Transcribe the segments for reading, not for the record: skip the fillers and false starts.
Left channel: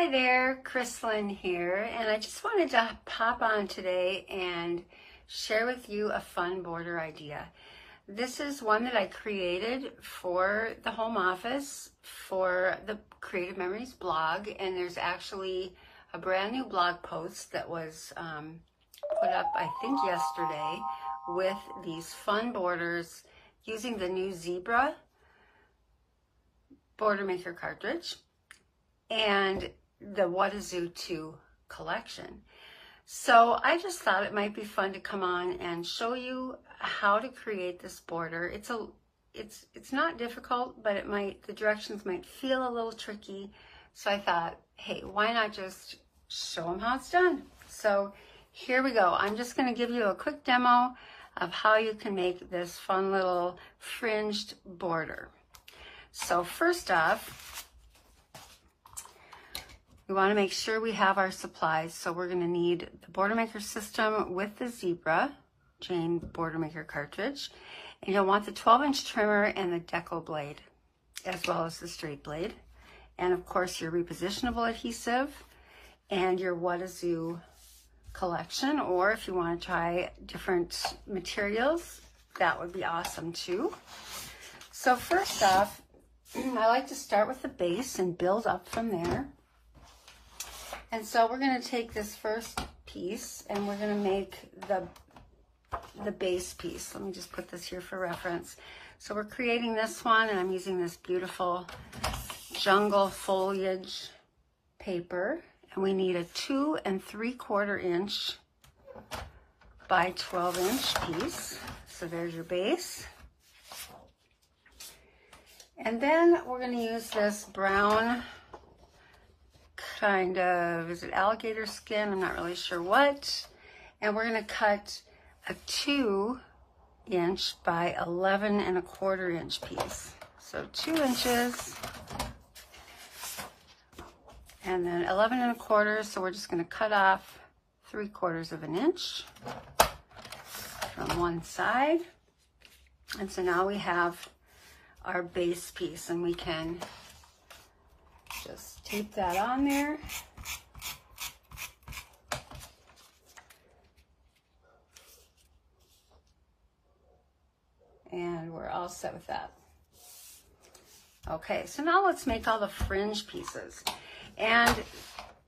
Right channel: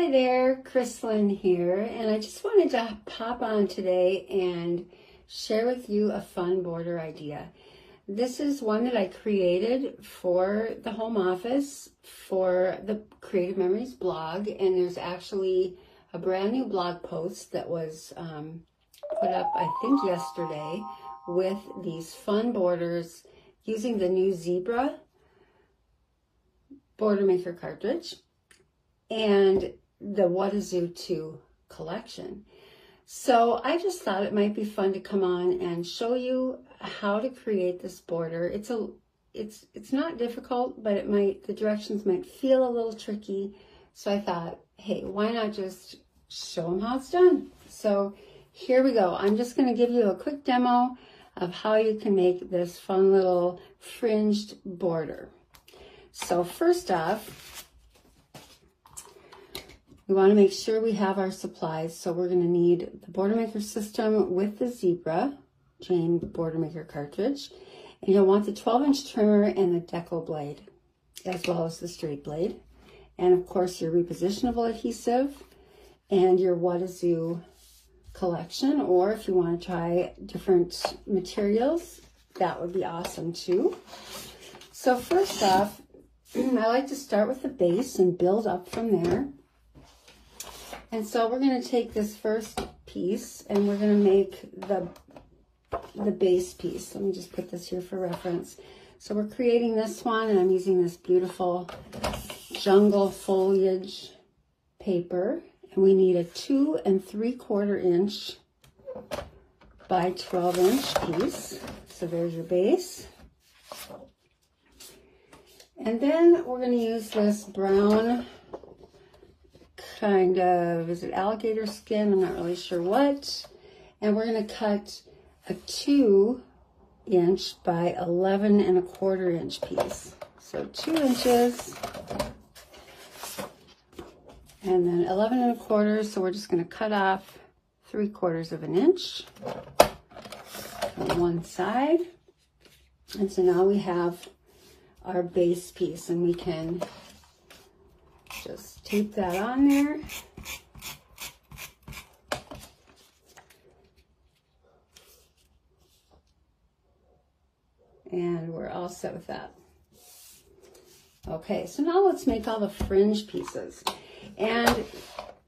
Hi there, Krislyn here, and I just wanted to pop on today and share with you a fun border idea. This is one that I created for the home office for the Creative Memories blog, and there's actually a brand new blog post that was put up, I think yesterday, with these fun borders using the new Zebra Border Maker cartridge and the What a Zoo 2 collection. So I just thought it might be fun to come on and show you how to create this border. It's not difficult, but the directions might feel a little tricky. So I thought, hey, why not just show them how it's done? So here we go. I'm just going to give you a quick demo of how you can make this fun little fringed border. So first off, we want to make sure we have our supplies. So we're going to need the Border Maker system with the Zebra Jane Border Maker cartridge. And you'll want the 12-inch trimmer and the deco blade, as well as the straight blade. And of course your repositionable adhesive and your What a Zoo collection, or if you want to try different materials, that would be awesome too. So first off, I like to start with the base and build up from there. And so we're going to take this first piece and we're going to make the base piece. Let me just put this here for reference. So we're creating this one, and I'm using this beautiful jungle foliage paper. And we need a 2 3/4 inch by 12-inch piece. So there's your base. And then we're going to use this brown kind of, is it alligator skin? I'm not really sure what. And we're going to cut a 2-inch by 11 1/4 inch piece. So 2 inches and then 11 1/4. So we're just going to cut off 3/4 of an inch on one side. And so now we have our base piece, and we can just tape that on there. And we're all set with that. Okay, so now let's make all the fringe pieces. And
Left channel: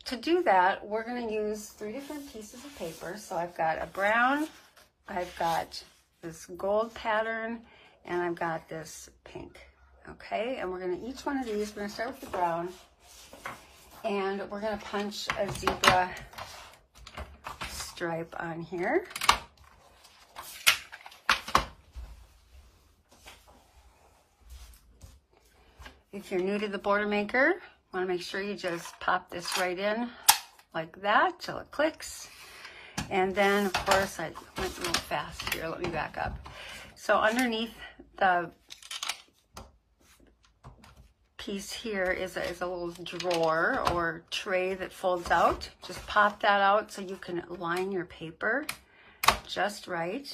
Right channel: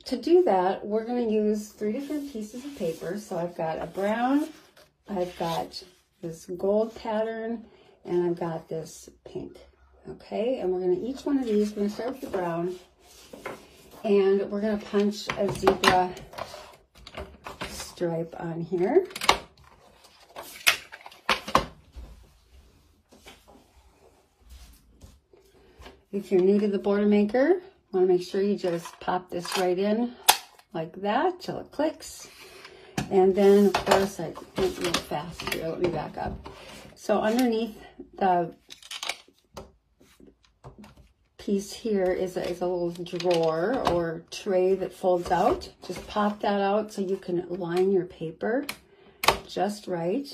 to do that, we're going to use 3 different pieces of paper. So I've got a brown, I've got this gold pattern, and I've got this pink. Okay, and we're going to, each one of these, we're going to start with the brown, and we're going to punch a zebra stripe on here. If you're new to the Border Maker, want to make sure you just pop this right in like that till it clicks. And then, of course, I went a little fast here. Let me back up. So underneath the piece here is a little drawer or tray that folds out. Just pop that out so you can line your paper just right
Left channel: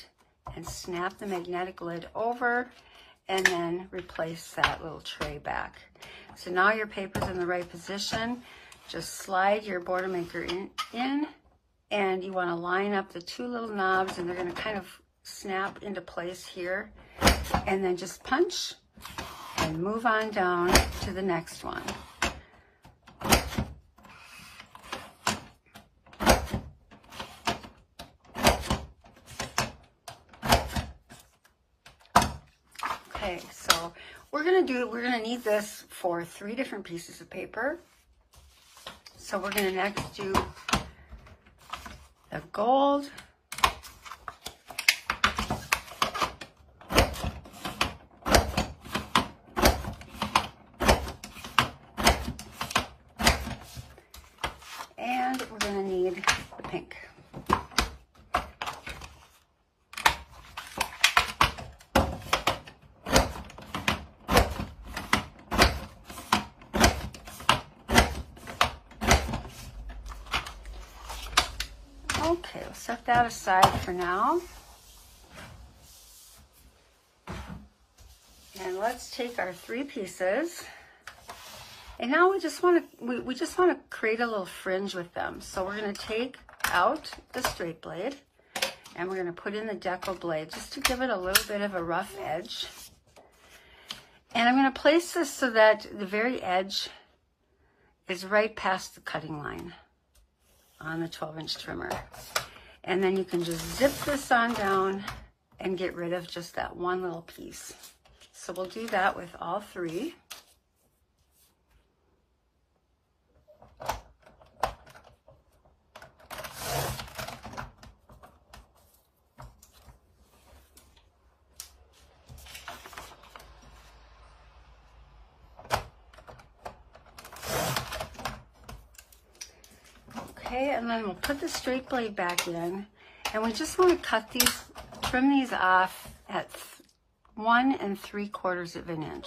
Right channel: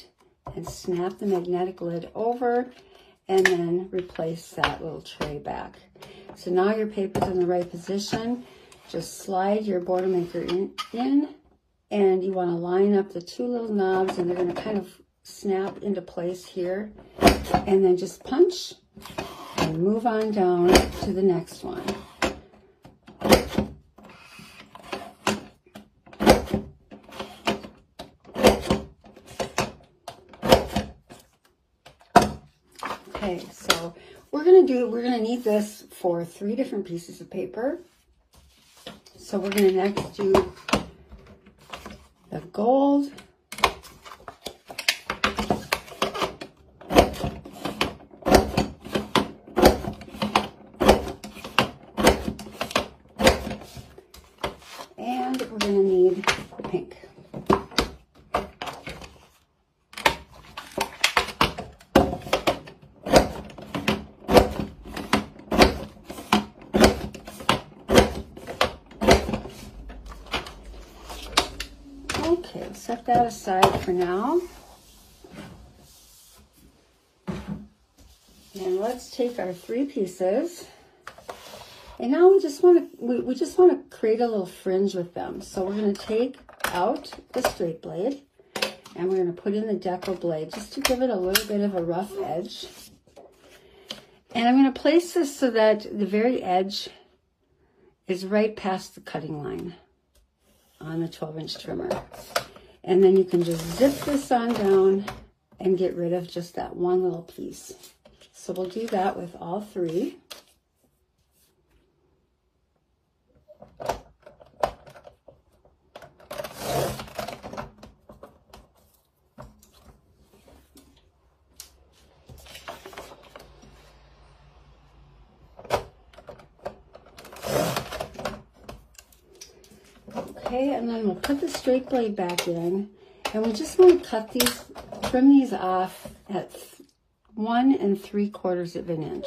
and snap the magnetic lid over and then replace that little tray back. So now your paper's in the right position. Just slide your Border Maker in and you want to line up the 2 little knobs, and they're going to kind of snap into place here, and then just punch and move on down to the next one. Okay, so we're going to need this for 3 different pieces of paper. So we're going to next do the gold, and we're going to need the pink. Okay, set that aside for now. And let's take our 3 pieces And now we just want to create a little fringe with them. So we're going to take out the straight blade and we're going to put in the deco blade just to give it a little bit of a rough edge. And I'm going to place this so that the very edge is right past the cutting line on the 12-inch trimmer. And then you can just zip this on down and get rid of just that one little piece. So we'll do that with all three. Okay, and then we'll put the straight blade back in, and we just want to trim these off at 1 3/4 of an inch.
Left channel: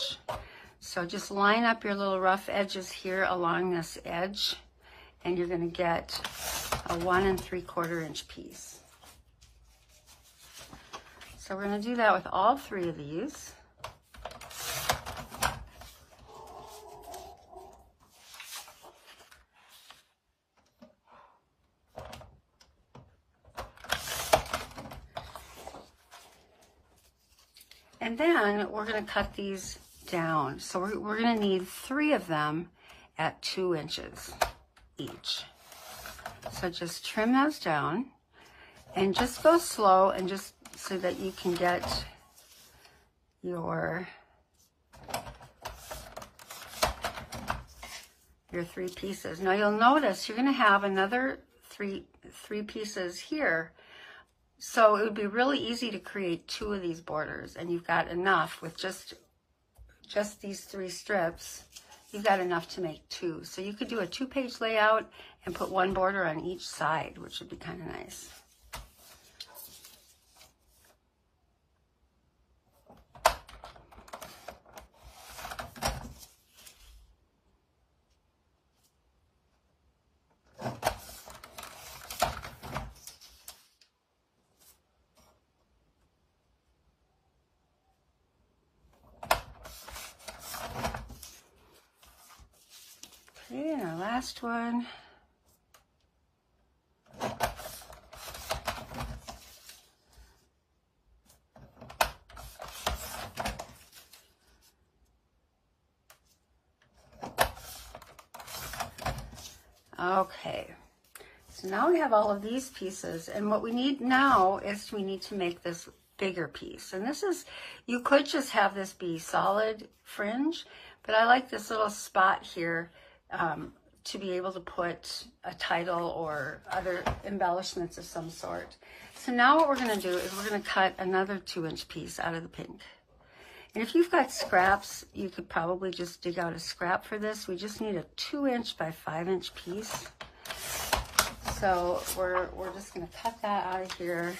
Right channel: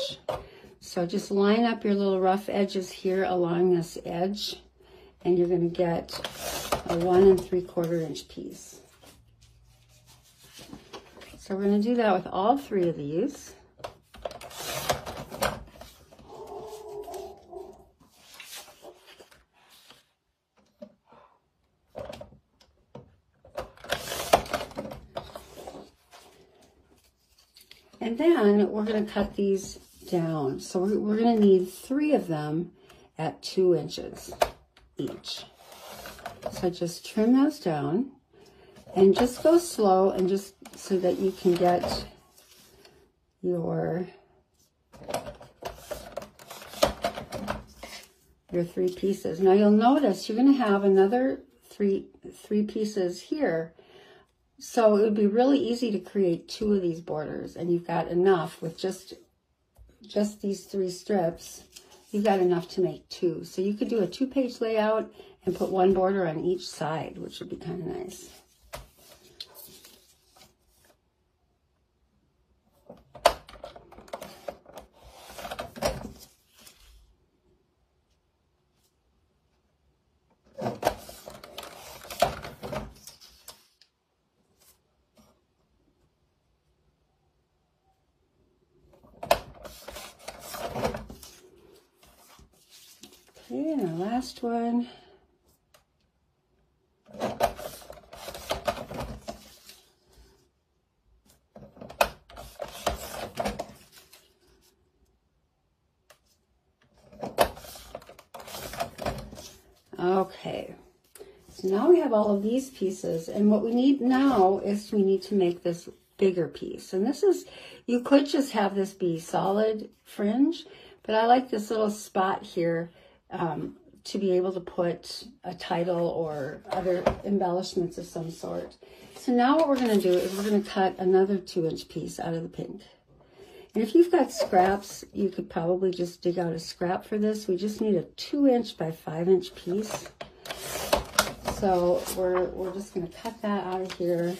So just line up your little rough edges here along this edge, and you're going to get a 1 3/4 inch piece. So we're going to do that with all three of these. And then we're going to cut these down. So we're going to need 3 of them at 2 inches each. So just trim those down and just go slow, and just so that you can get your 3 pieces. Now you'll notice you're going to have another three pieces here. So it would be really easy to create 2 of these borders, and you've got enough with just these 3 strips. You've got enough to make 2. So you could do a 2-page layout and put 1 border on each side, which would be kind of nice. Okay, and our last one. Okay, so now we have all of these pieces, and what we need now is we need to make this bigger piece. And this is, you could just have this be solid fringe, but I like this little spot here to be able to put a title or other embellishments of some sort. So now what we're going to do is we're going to cut another 2-inch piece out of the pink. And if you've got scraps, you could probably just dig out a scrap for this. We just need a 2-inch by 5-inch piece. So we're just going to cut that out of here.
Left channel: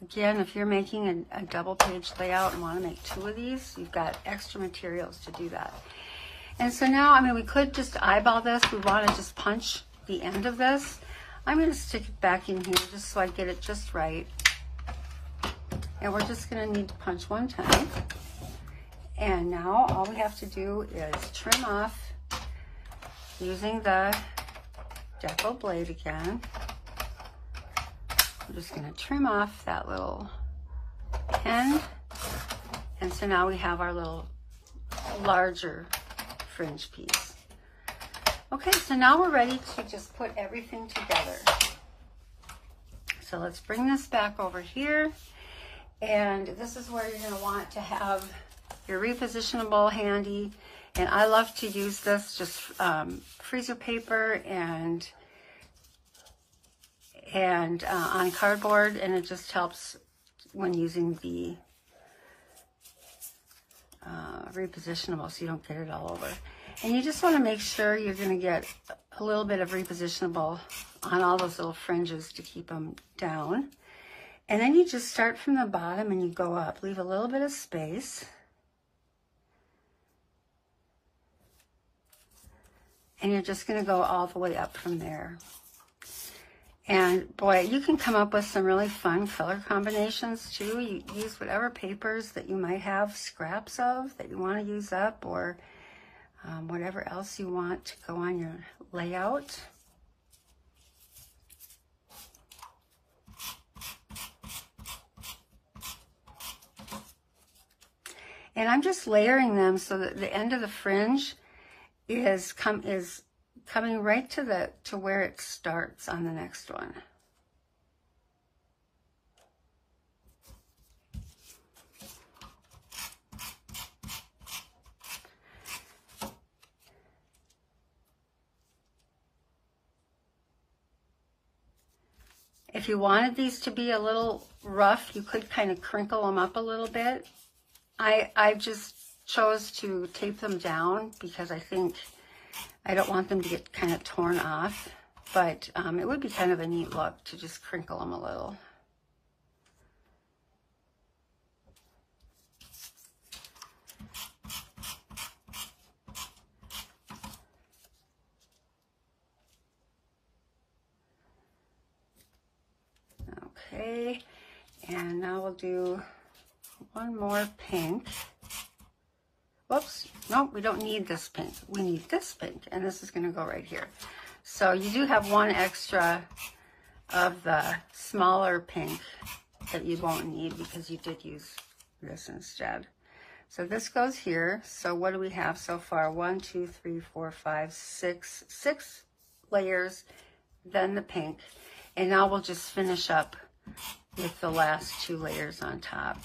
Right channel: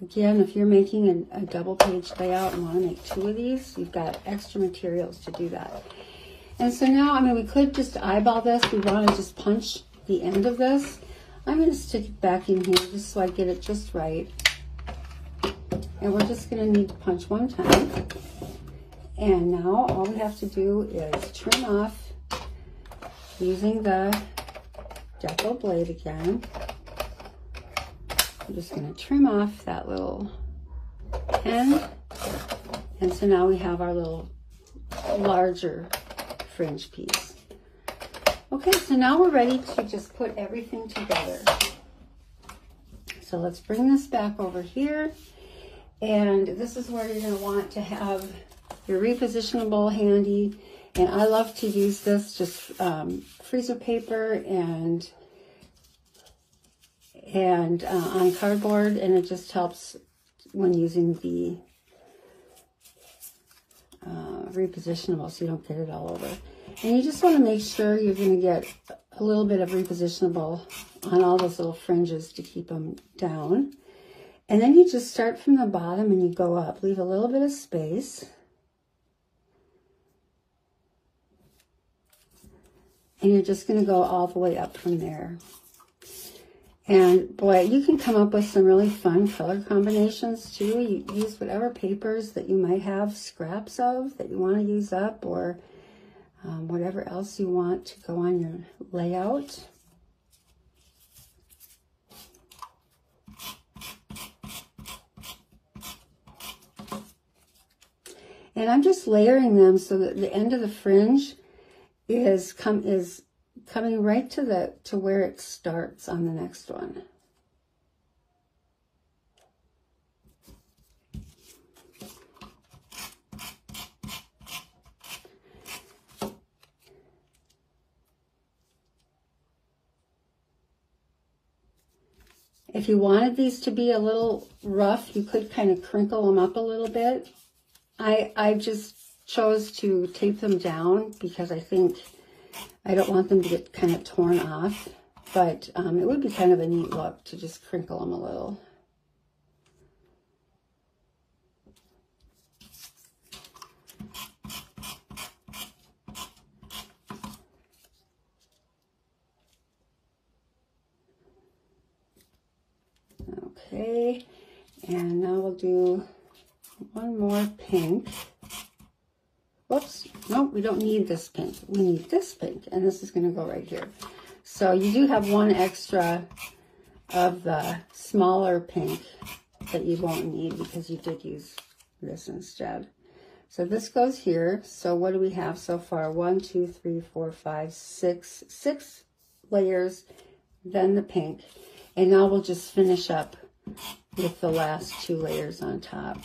Again, if you're making a double-page layout and want to make 2 of these, you've got extra materials to do that. And so now, I mean, we could just eyeball this. We want to just punch the end of this. I'm going to stick it back in here just so I get it just right. And we're just going to need to punch 1 time. And now all we have to do is trim off using the deco blade again. I'm just going to trim off that little end. And so now we have our little larger fringe piece. Okay, so now we're ready to just put everything together. So let's bring this back over here. And this is where you're going to want to have your repositionable handy. And I love to use this just freezer paper and on cardboard, and it just helps when using the repositionable so you don't get it all over. And you just want to make sure you're going to get a little bit of repositionable on all those little fringes to keep them down. And then you just start from the bottom and you go up. Leave a little bit of space. And you're just going to go all the way up from there. And boy, you can come up with some really fun color combinations too. You use whatever papers that you might have scraps of that you want to use up, or whatever else you want to go on your layout. And I'm just layering them so that the end of the fringe is coming right to where it starts on the next one. If you wanted these to be a little rough, you could kind of crinkle them up a little bit. I just chose to tape them down because I think I don't want them to get kind of torn off, but it would be kind of a neat look to just crinkle them a little. Okay, and now we'll do one more pink. Whoops, no, we don't need this pink. We need this pink, and this is going to go right here. So you do have one extra of the smaller pink that you won't need because you did use this instead. So this goes here. So what do we have so far? 1, 2, 3, 4, 5, 6, 6 layers, then the pink. And now we'll just finish up with the last 2 layers on top.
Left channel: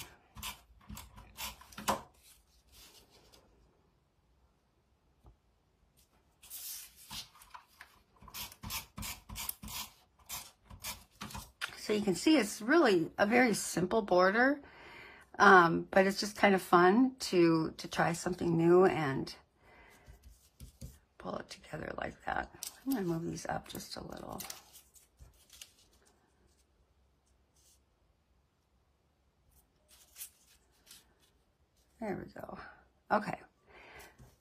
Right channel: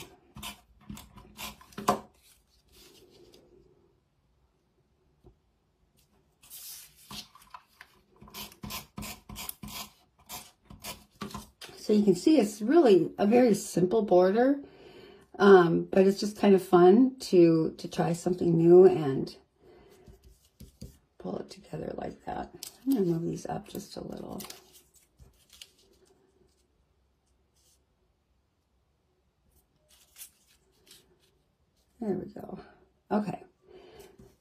So you can see it's really a very simple border, but it's just kind of fun to try something new and pull it together like that. I'm going to move these up just a little. There we go. Okay.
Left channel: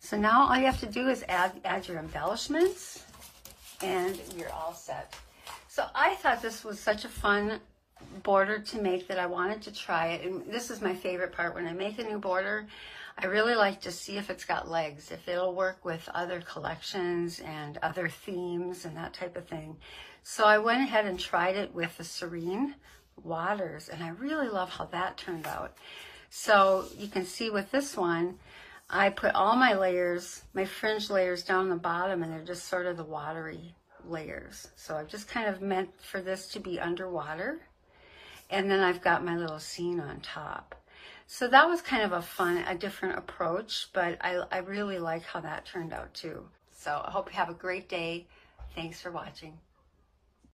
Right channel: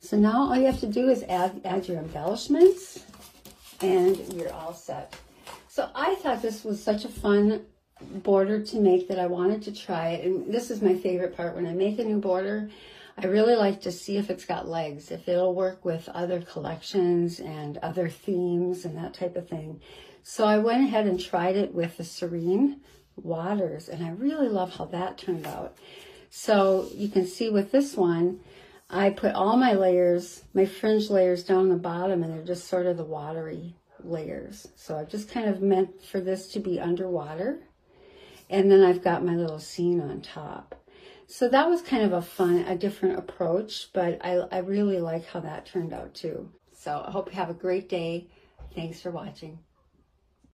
So now all you have to do is add your embellishments and you're all set. So I thought this was such a fun border to make that I wanted to try it. And this is my favorite part. When I make a new border, I really like to see if it's got legs, if it'll work with other collections and other themes and that type of thing. So I went ahead and tried it with the Serene Waters, and I really love how that turned out. So you can see with this one, I put all my layers, my fringe layers down the bottom, and they're just sort of the watery layers. So I just kind of meant for this to be underwater. And then I've got my little scene on top. So that was kind of a different approach, but I really like how that turned out too. So I hope you have a great day. Thanks for watching.